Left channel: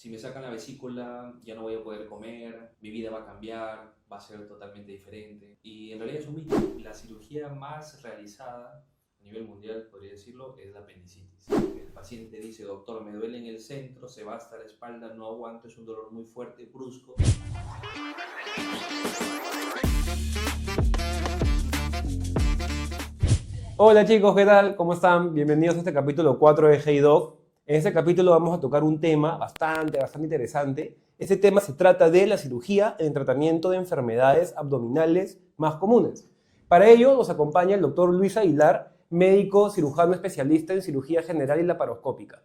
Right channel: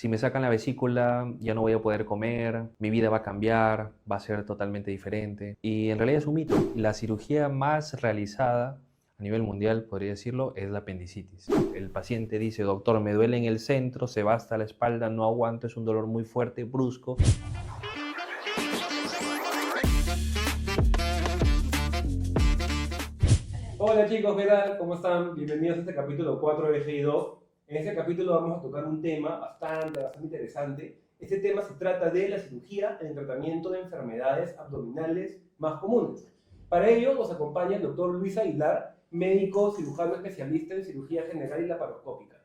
Si me sacan la vesícula, ya no voy a poder comer, mi vida va a cambiar, va a ser totalmente diferente. Y en realidad es un mito. La cirugía más realizada a nivel mundial, podría decirlo, es la apendicitis. El paciente dice, doctor, me duele en el centro, se va hasta la espalda, no aguanto, es un dolor muy fuerte, brusco. Hola chicos, ¿qué tal? ¿Cómo están? Bienvenidos a este capítulo 4 de Hey Doc. En este capítulo vamos a tocar un tema bastante interesante. Este tema se trata de la cirugía en el tratamiento de enfermedades abdominales más comunes. Para ello nos acompaña el doctor Luis Aguilar, médico cirujano especialista en cirugía general y laparoscópica.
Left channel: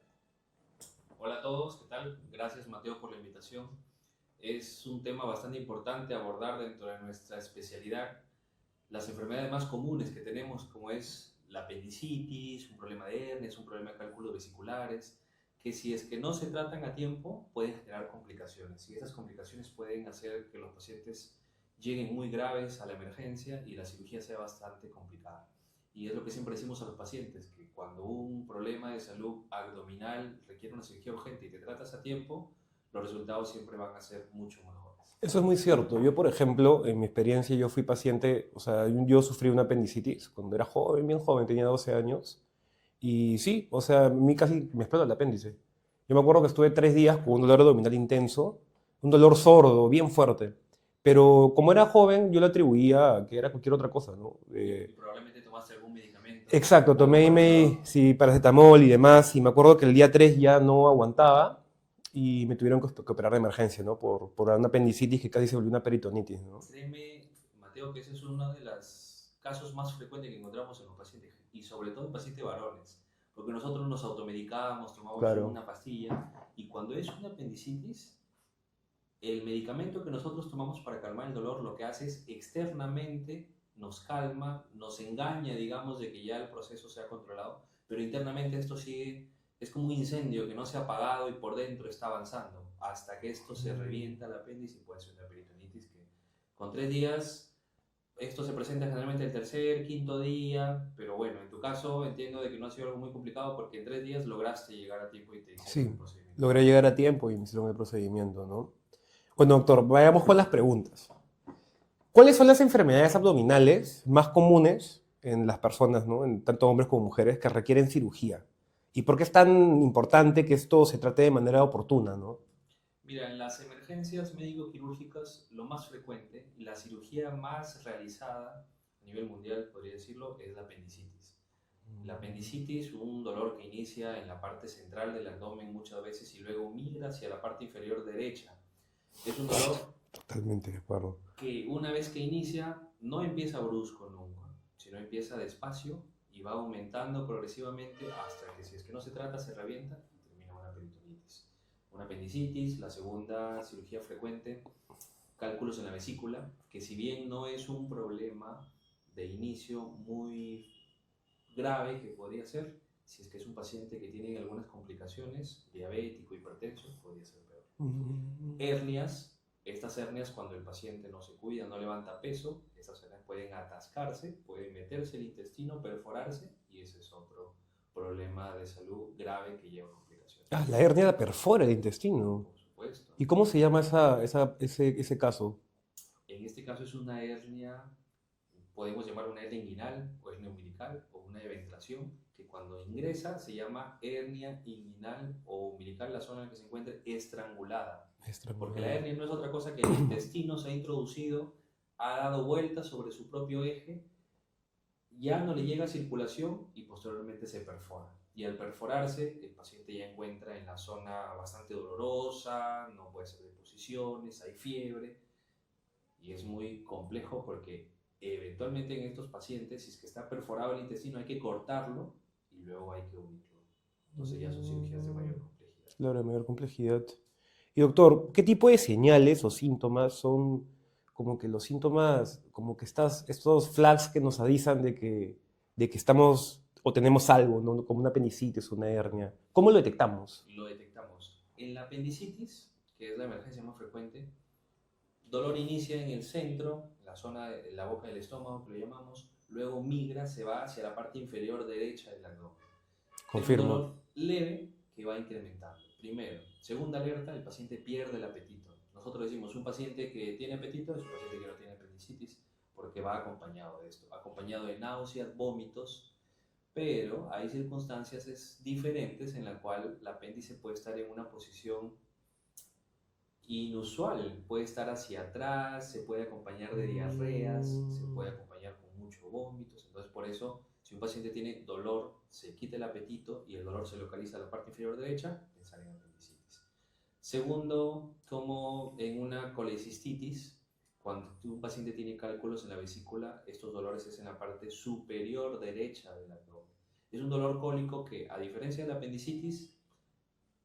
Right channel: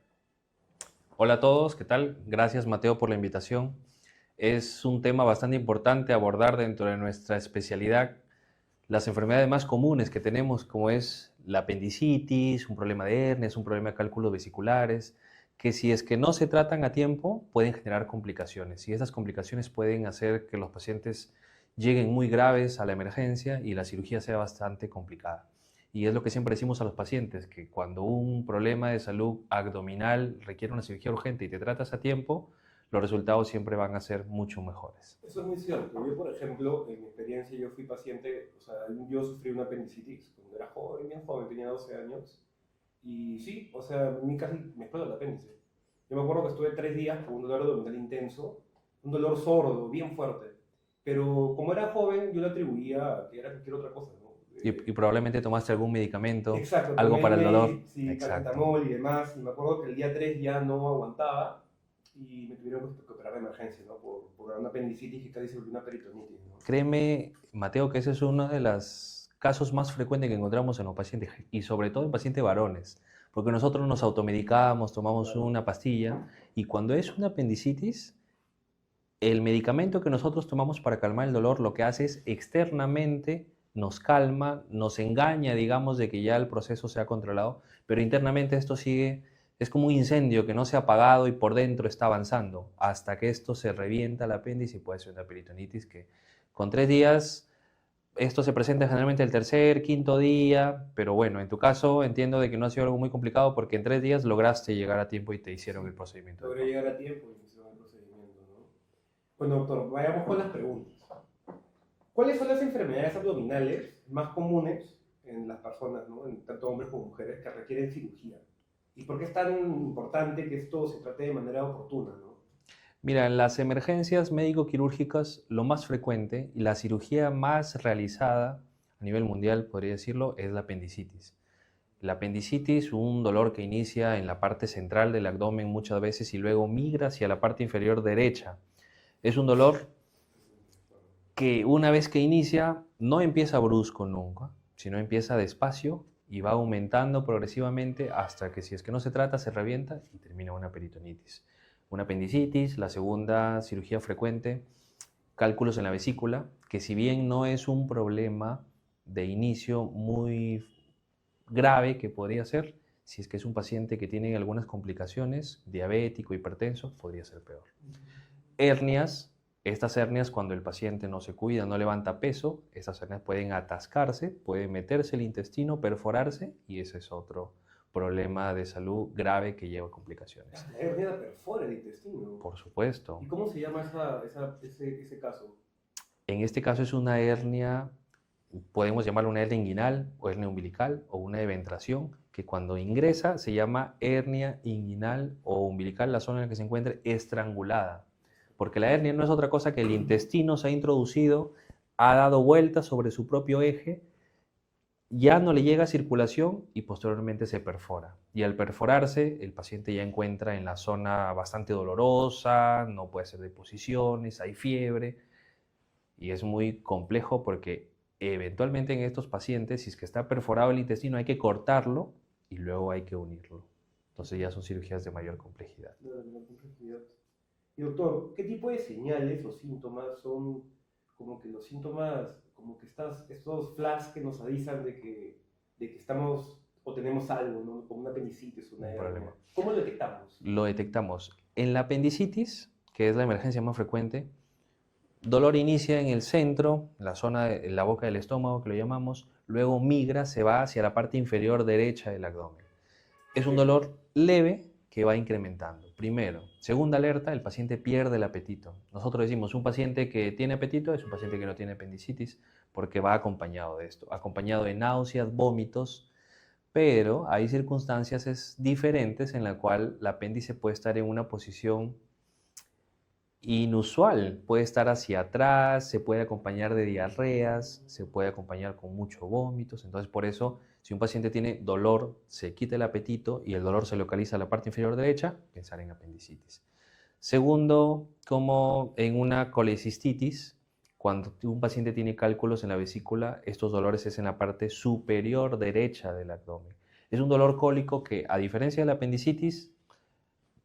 Hola a todos, ¿qué tal? Gracias Mateo por la invitación. Es un tema bastante importante abordar dentro de nuestra especialidad. Las enfermedades más comunes que tenemos, como es la apendicitis, un problema de hernias, un problema de cálculos vesiculares, que si es que no se tratan a tiempo pueden generar complicaciones y esas complicaciones pueden hacer que los pacientes lleguen muy graves a la emergencia y la cirugía sea bastante complicada. Y es lo que siempre decimos a los pacientes, que cuando un problema de salud abdominal requiere una cirugía urgente y te tratas a tiempo, los resultados siempre van a ser mucho mejores. Eso es muy cierto. Yo, por ejemplo, en mi experiencia, yo fui paciente, o sea, yo sufrí una apendicitis cuando era joven, bien joven, tenía 12 años. Y sí, o sea, a mí casi me explota el apéndice. Yo me acuerdo que estuve 3 días con un dolor abdominal intenso, un dolor sordo, bien fuerte. Pero como era joven, yo lo atribuía a que era cualquier otra cosa, ¿no? Y probablemente tomaste algún medicamento, Exacto, algo tomé para el dolor. sí, Exacto. paracetamol y demás. Y me acuerdo que el día 3 ya no aguantaba y me tuvieron que operar de emergencia, ¿no? Por una apendicitis que casi se volvió una peritonitis, ¿no? Créeme, Mateo, que ese es uno de los casos más frecuentes que encontramos en los pacientes y sobre todo en pacientes varones, porque nosotros nos automedicamos, tomamos Claro. una pastilla y cuando es una apendicitis, el medicamento que nosotros tomamos para calmar el dolor lo que hace es externamente nos calma, nos engaña, digamos, de que ya el proceso se ha controlado, pero internamente esto sigue, es como un incendio que no se ha apagado y por dentro está avanzando, hasta que esto se revienta el apéndice y puede ser una peritonitis que con 3 días, esto se presenta generalmente el tercer, quinto día, pero bueno, en tu caso entiendo de que no ha sido algo muy complicado porque en 3 días lograste llegar a tiempo y te hicieron el Sí, procedimiento logré correcto. llegar a tiempo y me hicieron el procedimiento, ¿no? Bueno, doctor, vayamos con las preguntas. ¿Cuáles son las enfermedades abdominales más comunes en las personas, ¿no? En tanto hombres como mujeres, que requieren cirugía? ¿Y por qué es tan importante que esto se trate de manera oportuna, ¿no? Mira, en las emergencias médico-quirúrgicas lo más frecuente y la cirugía más realizada a nivel mundial, podría decirlo, es la apendicitis. La apendicitis, un dolor que inicia en la parte central del abdomen muchas veces y luego migra hacia la parte inferior derecha. Es un dolor Totalmente de acuerdo. que una vez que inicia no empieza brusco nunca, sino empieza despacio y va aumentando progresivamente hasta que si es que no se trata se revienta y termina una peritonitis. Una apendicitis, la segunda cirugía frecuente, cálculos en la vesícula, que si bien no es un problema de inicio muy grave que podría ser, si es que es un paciente que tiene algunas complicaciones, diabético, hipertenso, podría ser peor. Hernias, estas hernias cuando el paciente no se cuida, no levanta peso, estas hernias pueden atascarse, puede meterse el intestino, perforarse y ese es otro problema de salud grave que lleva Ah, complicaciones. la hernia perfora el intestino. Por supuesto. ¿Y cómo se llama ese caso? En este caso es una hernia, podemos llamarla una hernia inguinal o hernia umbilical o una eventración, que cuando ingresa se llama hernia inguinal o umbilical, la zona en la que se encuentra estrangulada. Porque la Estrangulado. hernia no es otra cosa que el intestino se ha introducido, ha dado vueltas sobre su propio eje, ya no le llega circulación y posteriormente se perfora. Y al perforarse, el paciente ya encuentra en la zona bastante dolorosa, no puede hacer deposiciones, hay fiebre y es muy complejo porque eventualmente en estos pacientes, si es que está perforado el intestino, hay que cortarlo y luego hay que unirlo. Entonces ya son cirugías de mayor complejidad. Claro, de mayor complejidad. Y doctor, ¿qué tipo de señales o síntomas son como que los síntomas, como que estos flags que nos avisan de que estamos o tenemos algo, ¿no? Como una apendicitis, una Un hernia? problema. ¿Cómo lo detectamos? Lo detectamos. En la apendicitis, que es la emergencia más frecuente, dolor inicia en el centro, en la zona de la boca del estómago que lo llamamos, luego migra, se va hacia la parte inferior derecha del abdomen. Es un Confirmo. dolor leve que va incrementando. primero. Segunda alerta, el paciente pierde el apetito. Nosotros decimos, un paciente que tiene apetito es un paciente que no tiene apendicitis porque va acompañado de esto, acompañado de náuseas, vómitos, pero hay circunstancias diferentes en la cual el apéndice puede estar en una posición inusual, puede estar hacia atrás, se puede acompañar de diarreas, se puede acompañar con muchos vómitos. Entonces, por eso, si un paciente tiene dolor, se quita el apetito y el dolor se localiza en la parte inferior derecha, pensar en apendicitis. Segundo, como en una colecistitis, cuando un paciente tiene cálculos en la vesícula, estos dolores es en la parte superior derecha del abdomen. Es un dolor cólico que, a diferencia de la apendicitis,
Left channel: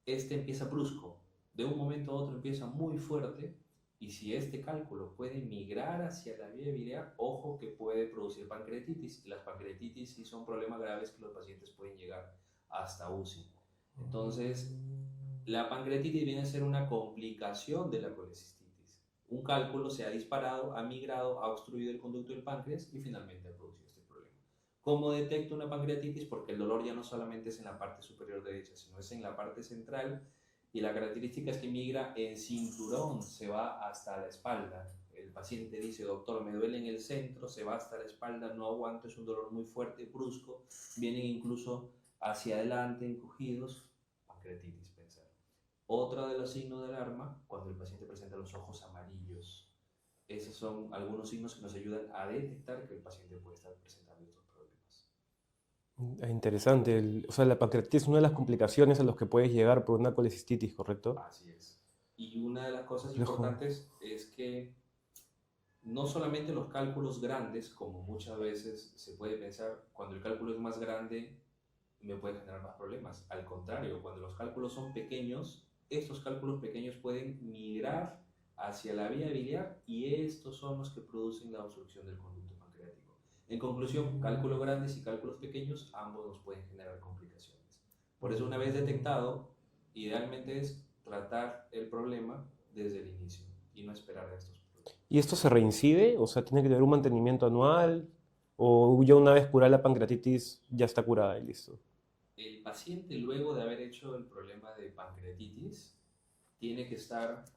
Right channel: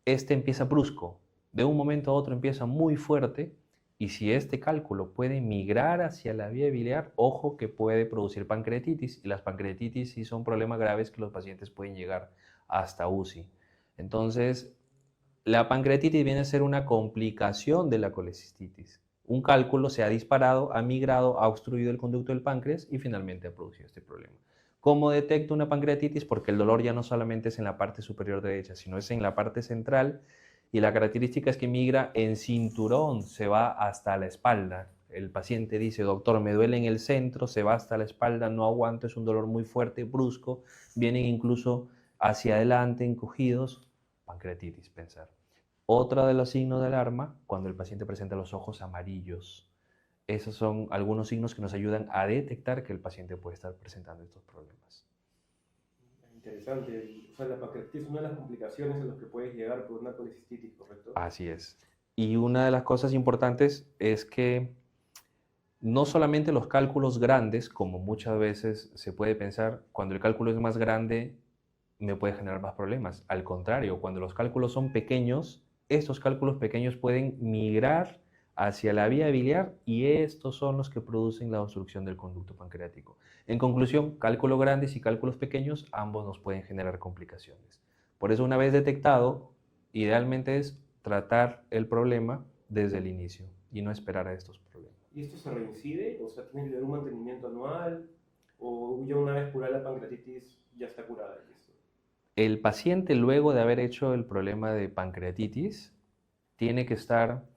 este empieza brusco, de un momento a otro empieza muy fuerte, y si este cálculo puede migrar hacia la vía biliar, ojo que puede producir pancreatitis, y las pancreatitis sí son problemas graves que los pacientes pueden llegar hasta UCI. Entonces, la pancreatitis viene a ser una complicación de la colecistitis. Un cálculo se ha disparado, ha migrado, ha obstruido el conducto del páncreas y finalmente ha producido este problema. ¿Cómo detecto una pancreatitis? Porque el dolor ya no solamente es en la parte superior derecha, sino es en la parte central, y la característica es que migra en cinturón, se va hasta la espalda. El paciente dice, doctor, me duele en el centro, se va hasta la espalda, no aguanto, es un dolor muy fuerte, brusco, vienen incluso hacia adelante, encogidos, pancreatitis, pensar. Otro de los signos de alarma, cuando el paciente presenta los ojos amarillos. Esos son algunos signos que nos ayudan a detectar que el paciente puede estar presentando estos problemas. Interesante. O sea, la pancreatitis es una de las complicaciones a las que puedes llegar por una colecistitis, ¿correcto? Así es. Y una de las cosas importantes es que no solamente los cálculos grandes, como muchas veces se puede pensar, cuando el cálculo es más grande me puede generar más problemas. Al contrario, cuando los cálculos son pequeños, estos cálculos pequeños pueden migrar hacia la vía biliar y estos son los que producen la obstrucción del conducto pancreático. En conclusión, cálculos grandes y cálculos pequeños, ambos nos pueden generar complicaciones. Por eso, una vez detectado, idealmente es tratar el problema desde el inicio y no esperar a estos problemas. ¿Y esto se reincide? O sea, ¿tiene que tener un mantenimiento anual? ¿O ya una vez curada la pancreatitis ya está curada y listo? El paciente, luego de haber hecho el problema de pancreatitis, tiene que estar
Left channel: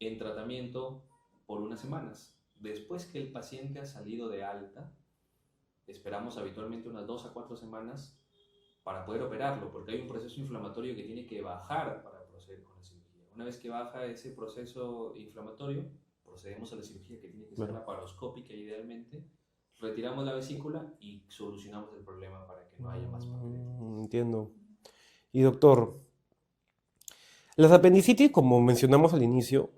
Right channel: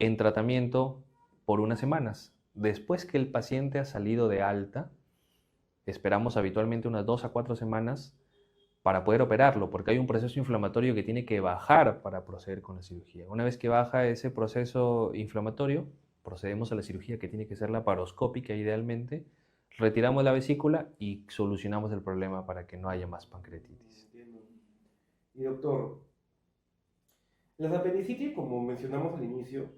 en tratamiento por unas semanas. Después que el paciente ha salido de alta, esperamos habitualmente unas 2 a 4 semanas para poder operarlo, porque hay un proceso inflamatorio que tiene que bajar para proceder con la cirugía. Una vez que baja ese proceso inflamatorio, procedemos a la cirugía, que tiene que ser laparoscópica idealmente. Retiramos la vesícula y solucionamos el problema para que no haya más pancreatitis. Entiendo. Y doctor, las apendicitis, como mencionamos al inicio,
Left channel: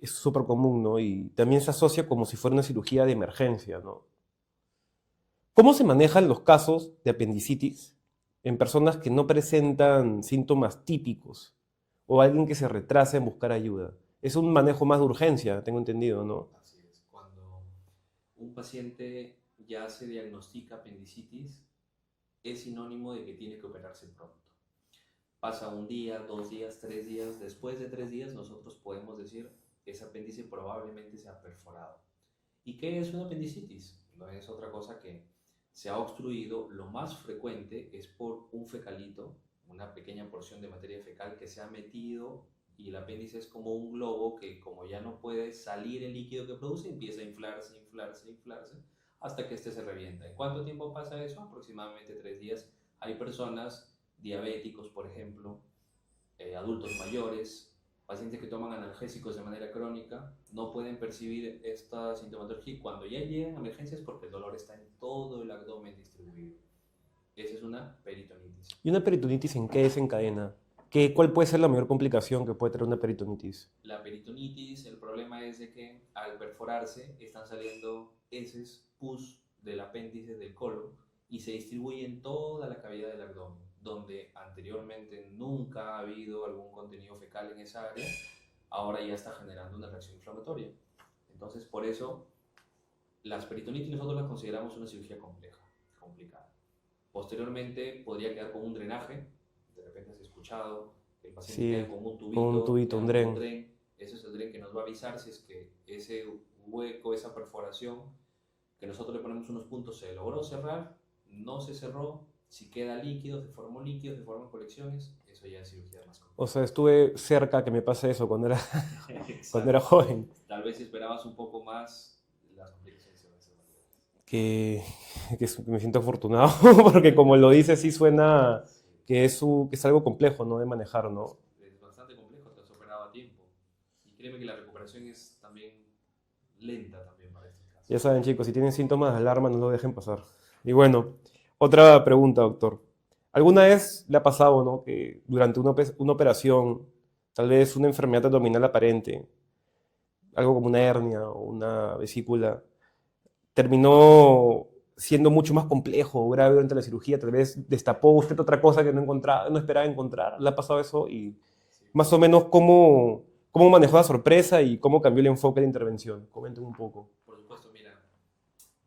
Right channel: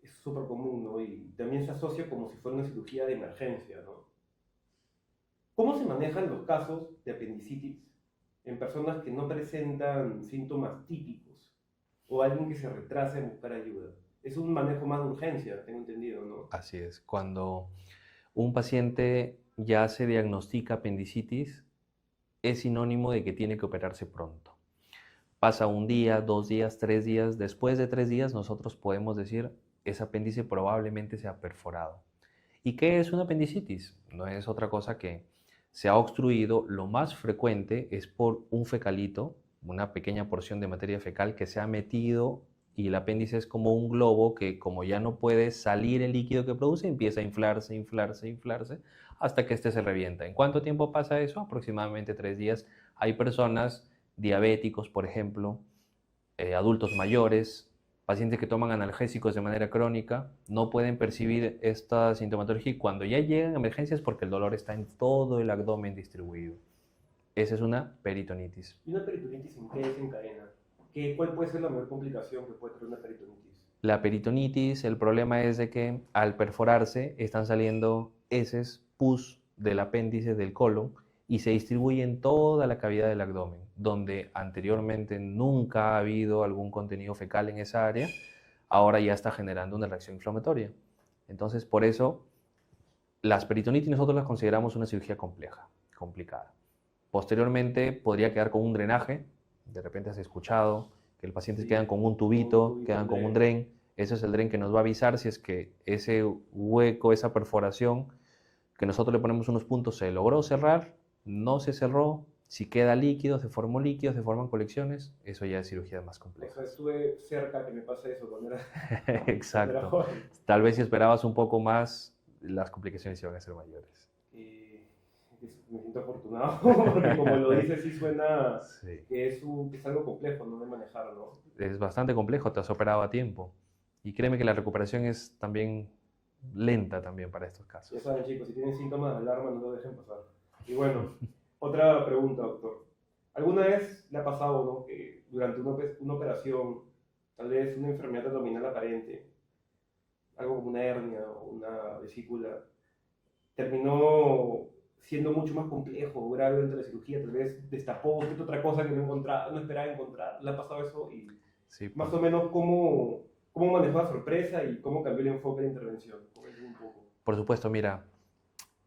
es súper común, ¿no? Y también se asocia como si fuera una cirugía de emergencia, ¿no? ¿Cómo se manejan los casos de apendicitis en personas que no presentan síntomas típicos o alguien que se retrasa en buscar ayuda? Es un manejo más de urgencia, tengo entendido, ¿no? Así es. Cuando un paciente ya se diagnostica apendicitis, es sinónimo de que tiene que operarse pronto. Pasa un día, 2 días, 3 días. Después de 3 días nosotros podemos decir, ese apéndice probablemente se ha perforado. ¿Y qué es una apendicitis? No es otra cosa que se ha obstruido. Lo más frecuente es por un fecalito, una pequeña porción de materia fecal que se ha metido, y el apéndice es como un globo que, como ya no puede salir el líquido que produce, empieza a inflarse, inflarse, inflarse, hasta que este se revienta. ¿En cuánto tiempo pasa eso? Aproximadamente 3 días. Hay personas, diabéticos, por ejemplo, adultos mayores, pacientes que toman analgésicos de manera crónica, no pueden percibir esta sintomatología, y cuando ya llegan a emergencias porque el dolor está en todo el abdomen distribuido. Esa es una peritonitis. ¿Y una peritonitis en qué desencadena? ¿Cuál puede ser la mayor complicación que puede tener una peritonitis? La peritonitis, el problema es de que al perforarse están saliendo heces, pus del apéndice del colon, y se distribuye en toda la cavidad del abdomen, donde anteriormente nunca ha habido algún contenido fecal en esa área, ahora ya está generando una reacción inflamatoria. Entonces, por eso, las peritonitis nosotros las consideramos una cirugía compleja, complicada. Posteriormente podría quedar con un drenaje. De repente has escuchado que el paciente queda con un tubito, quedan con un dren. Ese es el dren que nos va a avisar si es que ese hueco, esa perforación, que nosotros le ponemos unos puntos, se logró cerrar, no se cerró, Si queda líquido, se formó líquido, se forman colecciones, eso ya es cirugía más O compleja. sea, estuve cerca que me pase eso cuando era, cuando era Exacto. joven. Tal vez si esperabas un poco más, las complicaciones iban a ser mayores. Que, me siento afortunado, porque como lo dice, sí suena Sí. que es algo complejo, ¿no? De manejar, ¿no? Es bastante complejo, te has operado a tiempo. Y créeme que la recuperación es también lenta también para estos Ya casos. saben, chicos, si tienen síntomas de alarma, no lo dejen pasar. Y bueno, otra pregunta, doctor. ¿Alguna vez le ha pasado, ¿no? Que durante una operación, tal vez una enfermedad abdominal aparente, algo como una hernia o una vesícula, terminó siendo mucho más complejo o grave durante la cirugía? Tal vez destapó usted otra cosa que no encontraba, no esperaba encontrar. ¿Le ha pasado eso? Y Sí, más o menos cómo manejó la sorpresa y cómo cambió el enfoque de intervención. Comenten un poco. por supuesto, mira,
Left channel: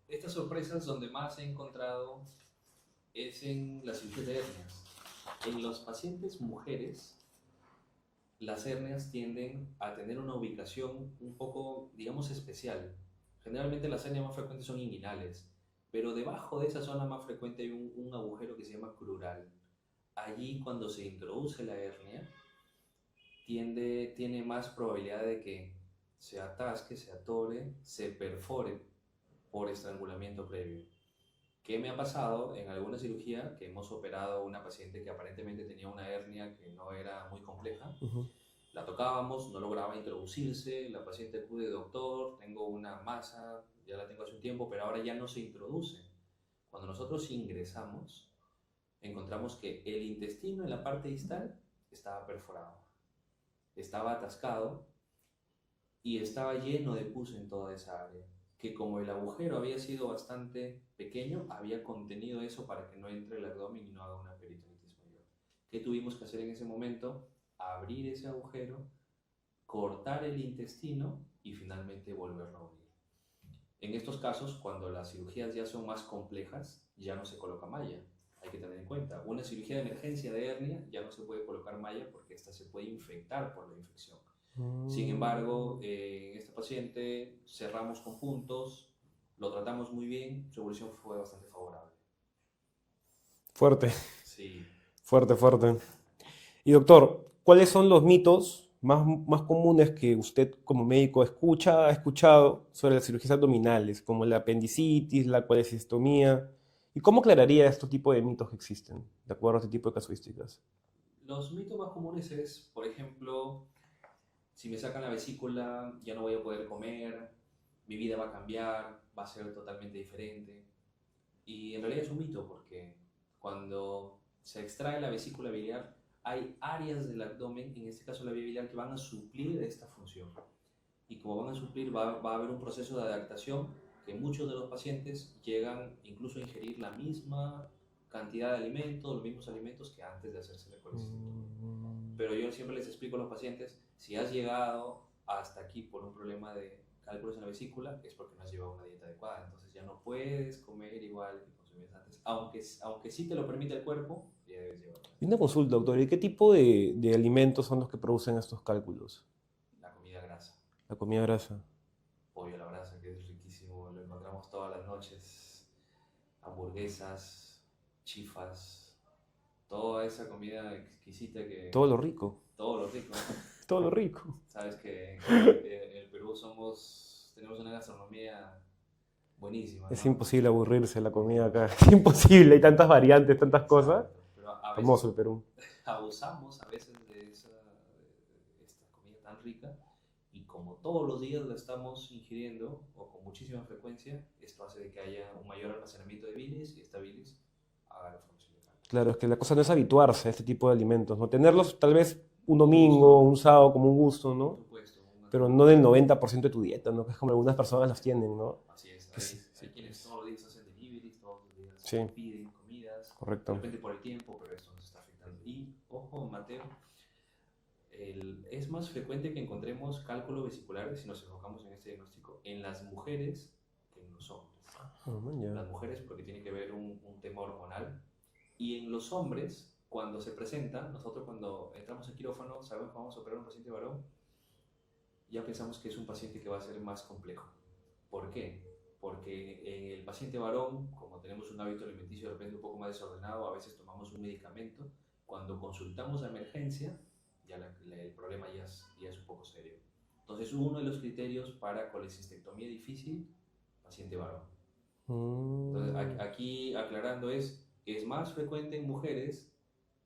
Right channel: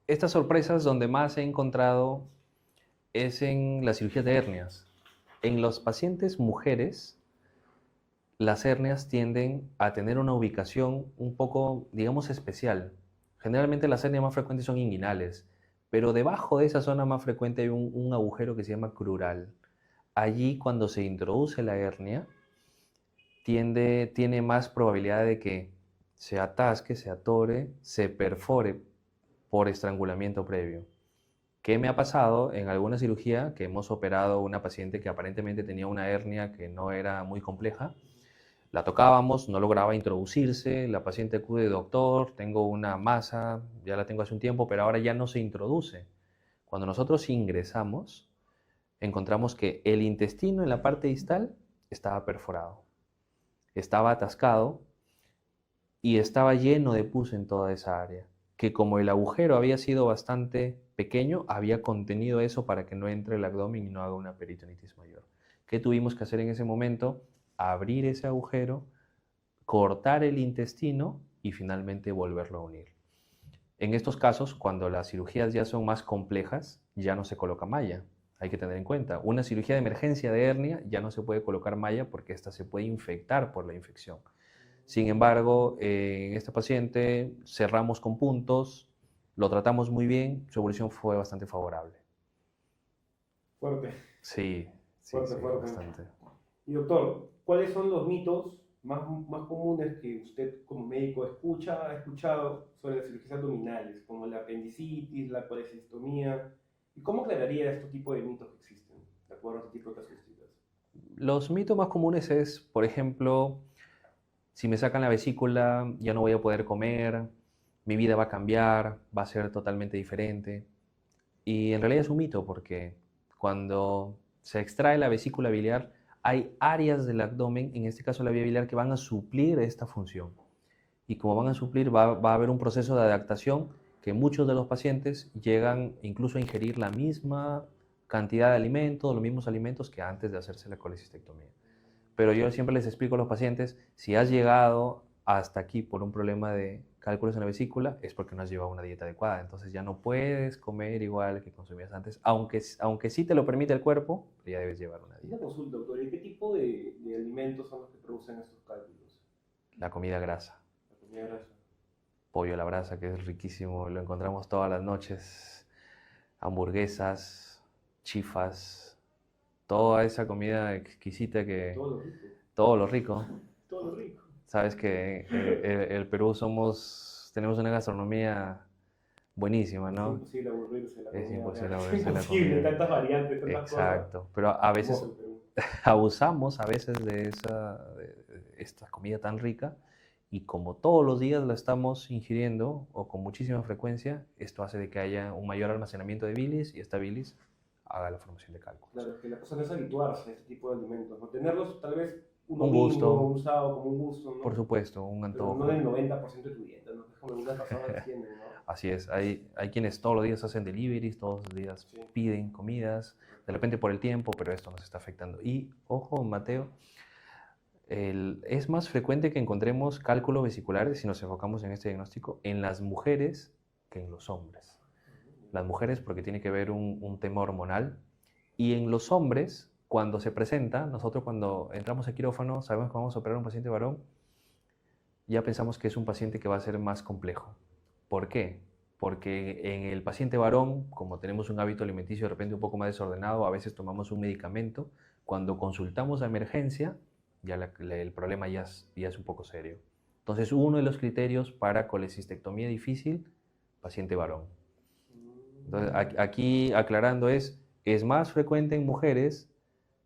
estas sorpresas donde más he encontrado es en las cirugías de hernias. En los pacientes mujeres, las hernias tienden a tener una ubicación un poco, digamos, especial. Generalmente las hernias más frecuentes son inguinales, pero debajo de esa zona más frecuente hay un agujero que se llama crural. Allí, cuando se introduce la hernia, tiene más probabilidad de que se atasque, se atore, se perfore por estrangulamiento previo. ¿Qué me ha pasado en alguna cirugía que hemos operado una paciente que aparentemente tenía una hernia que no era muy compleja? Ujú. La tocábamos, no lograba introducirse, la paciente acude, doctor, tengo una masa, ya la tengo hace un tiempo, pero ahora ya no se introduce. Cuando nosotros ingresamos, encontramos que el intestino en la parte distal estaba perforado, estaba atascado y estaba lleno de pus en toda esa área, que como el agujero había sido bastante pequeño, había contenido eso para que no entre el abdomen y no haga una peritonitis mayor. ¿Qué tuvimos que hacer en ese momento? Abrir ese agujero, cortar el intestino y finalmente volverlo a unir. En estos casos, cuando las cirugías ya son más complejas, ya no se coloca malla. Hay que tener en cuenta, una cirugía de emergencia de hernia ya no se puede colocar malla porque esta se puede infectar por la infección. Sin embargo, en este paciente cerramos con puntos, lo tratamos muy bien, su evolución fue bastante favorable. Fuerte, Sí, sí, fuerte, sí, fuerte. bastante. Y doctor, ¿cuáles son los mitos más comunes que usted como médico ha escuchado sobre las cirugías abdominales, como la apendicitis, la colecistectomía? ¿Y cómo aclararía estos tipos de mitos que existen, de acuerdo a este tipo de casuísticas? Los mitos más comunes es, por ejemplo, si me sacan la vesícula ya no voy a poder comer, mi vida va a cambiar, va a ser totalmente diferente. Y en realidad es un mito porque cuando se extrae la vesícula biliar hay áreas del abdomen, en este caso la vía biliar, que van a suplir esta función. Y como van a suplir, va a haber un proceso de adaptación que muchos de los pacientes llegan incluso a ingerir la misma cantidad de alimentos, los mismos alimentos que antes de hacerse la colecistectomía. Pero yo siempre les explico a los pacientes, si has llegado hasta aquí por un problema de cálculos en la vesícula, es porque no has llevado una dieta adecuada. Entonces ya no puedes comer igual que consumías antes, aunque sí te lo permite el cuerpo, pero ya debes llevar una Y una dieta. consulta, doctor, ¿y qué tipo de alimentos son los que producen estos cálculos? La comida grasa, La comida grasa. pollo a la brasa, que es riquísimo, lo encontramos todas las noches, hamburguesas, chifas, toda esa comida exquisita que Todo lo rico, todo lo rico. todo lo rico. Sabes que el Perú tenemos una gastronomía buenísima, Es ¿no? imposible aburrirse de la Es comida acá. imposible Es aburrirse de la imposible, hay comida. tantas variantes, tantas cosas. Exacto, pero a veces Hermoso el Perú. abusamos a veces de esta comida tan rica y como todos los días la estamos ingiriendo o con muchísima frecuencia, esto hace de que haya un mayor almacenamiento de bilis y esta bilis haga la formación de cálculos. Claro, es que la cosa no es habituarse a este tipo de alimentos, ¿no? Tenerlos tal vez un Un domingo, gusto, un sábado como un gusto, por ¿no? supuesto, un Pero no antojo. del 90% de tu dieta, ¿no? Que es como algunas personas las tienen, ¿no? Así es, Es- hay quienes todos los días hacen deliveries, todos los días Sí, piden comidas, de correcto. repente por el tiempo, pero esto nos está afectando. Y ojo, Mateo, es más frecuente que encontremos cálculos vesiculares, si nos enfocamos en este diagnóstico, en las mujeres que en los hombres. Ah, man, ya. Las mujeres porque tiene que ver un tema hormonal y en los hombres, cuando se presenta, nosotros cuando entramos a quirófano sabemos que vamos a operar a un paciente varón, ya pensamos que es un paciente que va a ser más complejo. ¿Por qué? porque en el paciente varón, como tenemos un hábito alimenticio de repente un poco más desordenado, a veces tomamos un medicamento, cuando consultamos a emergencia, ya el problema ya es un poco serio. Entonces, uno de los criterios para colecistectomía difícil, paciente varón. Entonces, aquí aclarando es más frecuente en mujeres,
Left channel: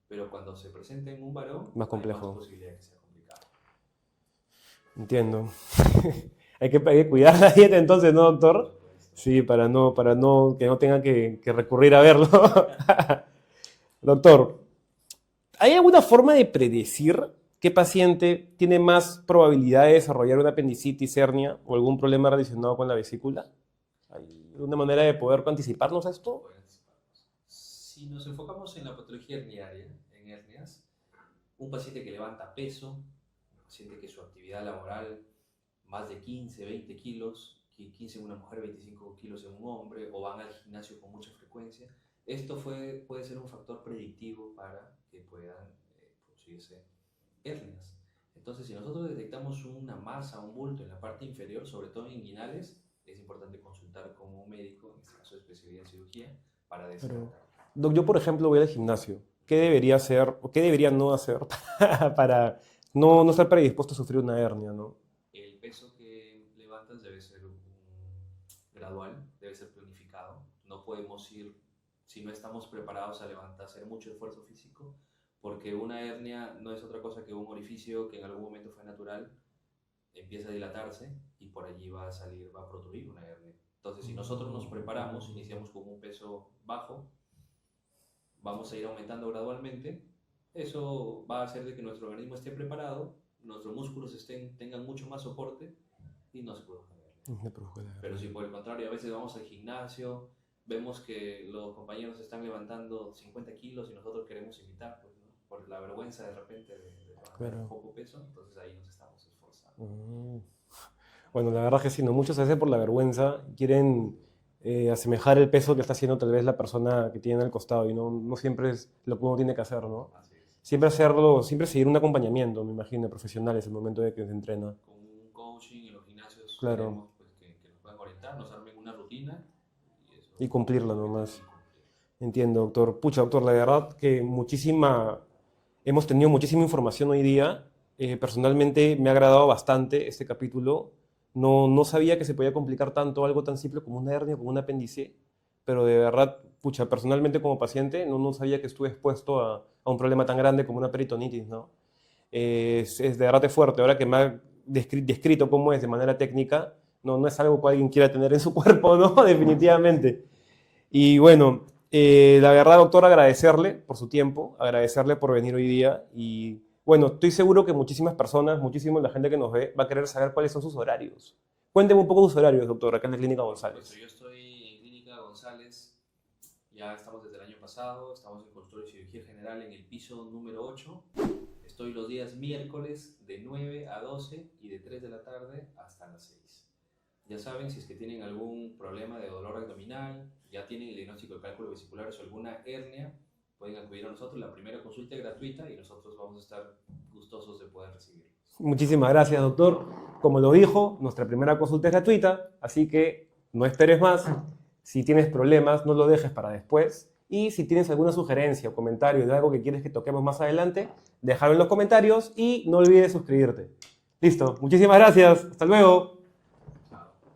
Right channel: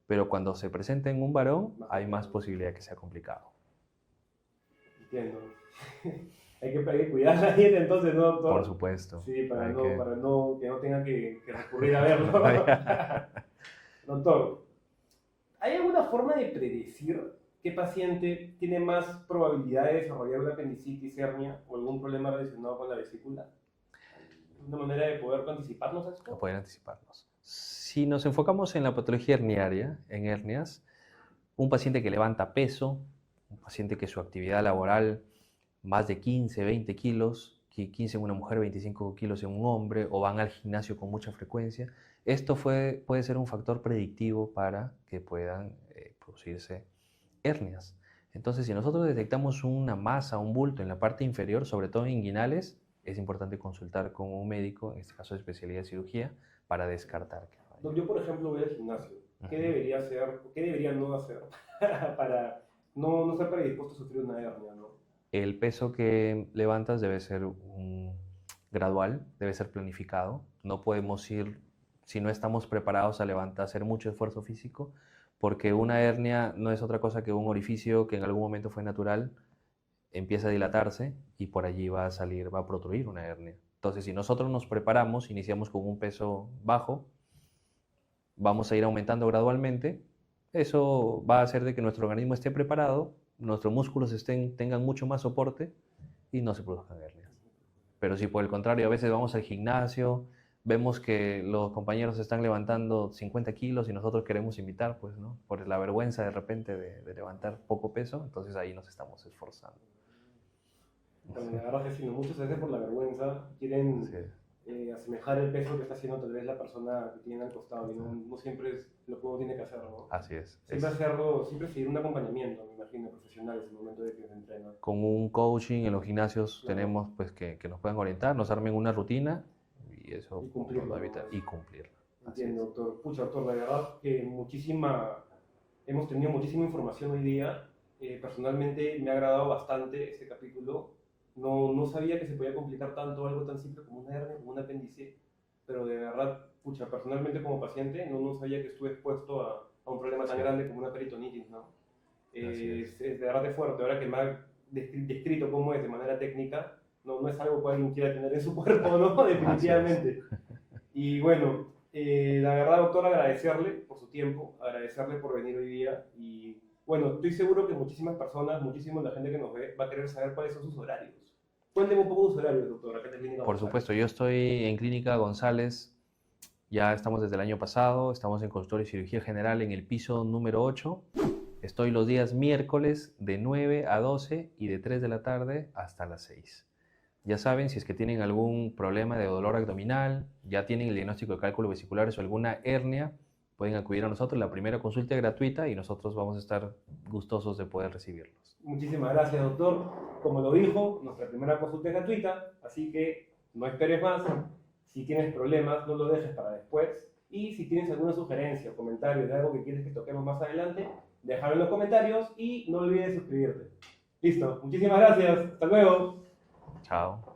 pero cuando se presenta en un varón, hay más posibilidad de que sea complicado. Entiendo. Hay que cuidar la dieta entonces, ¿no, doctor? Por supuesto. Sí, para que no tengan que recurrir a verlo. Doctor, ¿hay alguna forma de predecir qué paciente tiene más probabilidad de desarrollar una apendicitis, hernia o algún problema relacionado con la vesícula? ¿Alguna manera de poder anticiparnos a esto? No poder anticiparnos. Si nos enfocamos en la patología herniaria, en hernias, un paciente que levanta peso, un paciente que su actividad laboral más de 15, 20 kilos, 15 en una mujer, 25 kilos en un hombre, o van al gimnasio con mucha frecuencia, esto puede ser un factor predictivo para que puedan producirse hernias. Entonces, si nosotros detectamos una masa, un bulto en la parte inferior, sobre todo en inguinales, es importante consultar con un médico, en este caso de especialidad de cirugía, para descartar. Doc, yo, por ejemplo, voy al gimnasio. ¿Qué debería hacer o qué debería no hacer para no estar predispuesto a sufrir una hernia, ¿no? El peso que levantas debe ser gradual, debe ser planificado. No podemos ir, si no estamos preparados a hacer mucho esfuerzo físico, porque una hernia no es otra cosa que un orificio que en algún momento fue natural, empieza a dilatarse y por allí va a protruir una hernia. Entonces, si nosotros nos preparamos, iniciamos con un peso bajo, vamos a ir aumentando gradualmente, eso va a hacer de que nuestro organismo esté preparado, nuestros músculos tengan mucho más soporte y no se produzcan hernias. Pero si por el contrario a veces vamos al gimnasio, vemos que los compañeros están levantando 50 kilos y nosotros queremos imitar, pues, ¿no? Por la vergüenza de repente de levantar poco peso, entonces ahí nos estamos esforzando. Bueno, la verdad es que sí, ¿no? Muchos a veces por la vergüenza quieren asemejar el peso que está haciendo tal vez la persona que tiene al costado y no siempre es lo que uno tiene que hacer, ¿no? Así es. Siempre seguir un acompañamiento, me imagino, profesional en el momento de que se entrena. Con un coaching en los gimnasios tenemos pues que nos puedan orientar, nos armen una rutina y eso. Y cumplirla, además. Y cumplirla. Entiendo, doctor. Pucha, doctor, la verdad que hemos tenido muchísima información hoy día. Personalmente me ha agradado bastante este capítulo. No sabía que se podía complicar tanto algo tan simple como una hernia, como un apéndice, pero de verdad, pucha, personalmente como paciente no sabía que estuve expuesto a un problema tan grande como una peritonitis, ¿no? Es de verdad es fuerte. Ahora que me ha descrito cómo es de manera técnica, no es algo que alguien quiera tener en su cuerpo, ¿no? Definitivamente. Y bueno, la verdad, doctor, agradecerle por su tiempo, agradecerle por venir hoy día y bueno, estoy seguro que muchísimas personas, muchísima la gente que nos ve va a querer saber cuáles son sus horarios. Cuénteme un poco sus horarios, doctor, acá en la Clínica González. Por supuesto, yo estoy en Clínica González, ya estamos desde el año pasado, estamos en consultorio de cirugía general en el piso número 8. Estoy los días miércoles de 9 a 12 y de 3 de la tarde hasta las 6. Ya saben, si es que tienen algún problema de dolor abdominal, ya tienen el diagnóstico de cálculos vesiculares o alguna hernia, pueden acudir a nosotros. La primera consulta es gratuita y nosotros vamos a estar gustosos de poder recibirlos. Muchísimas gracias, doctor. Como lo dijo, nuestra primera consulta es gratuita, así que no esperes más. Si tienes problemas, no lo dejes para después. Y si tienes alguna sugerencia o comentario de algo que quieres que toquemos más adelante, déjalo en los comentarios y no olvides suscribirte. Listo. Muchísimas gracias. Hasta luego. Chao.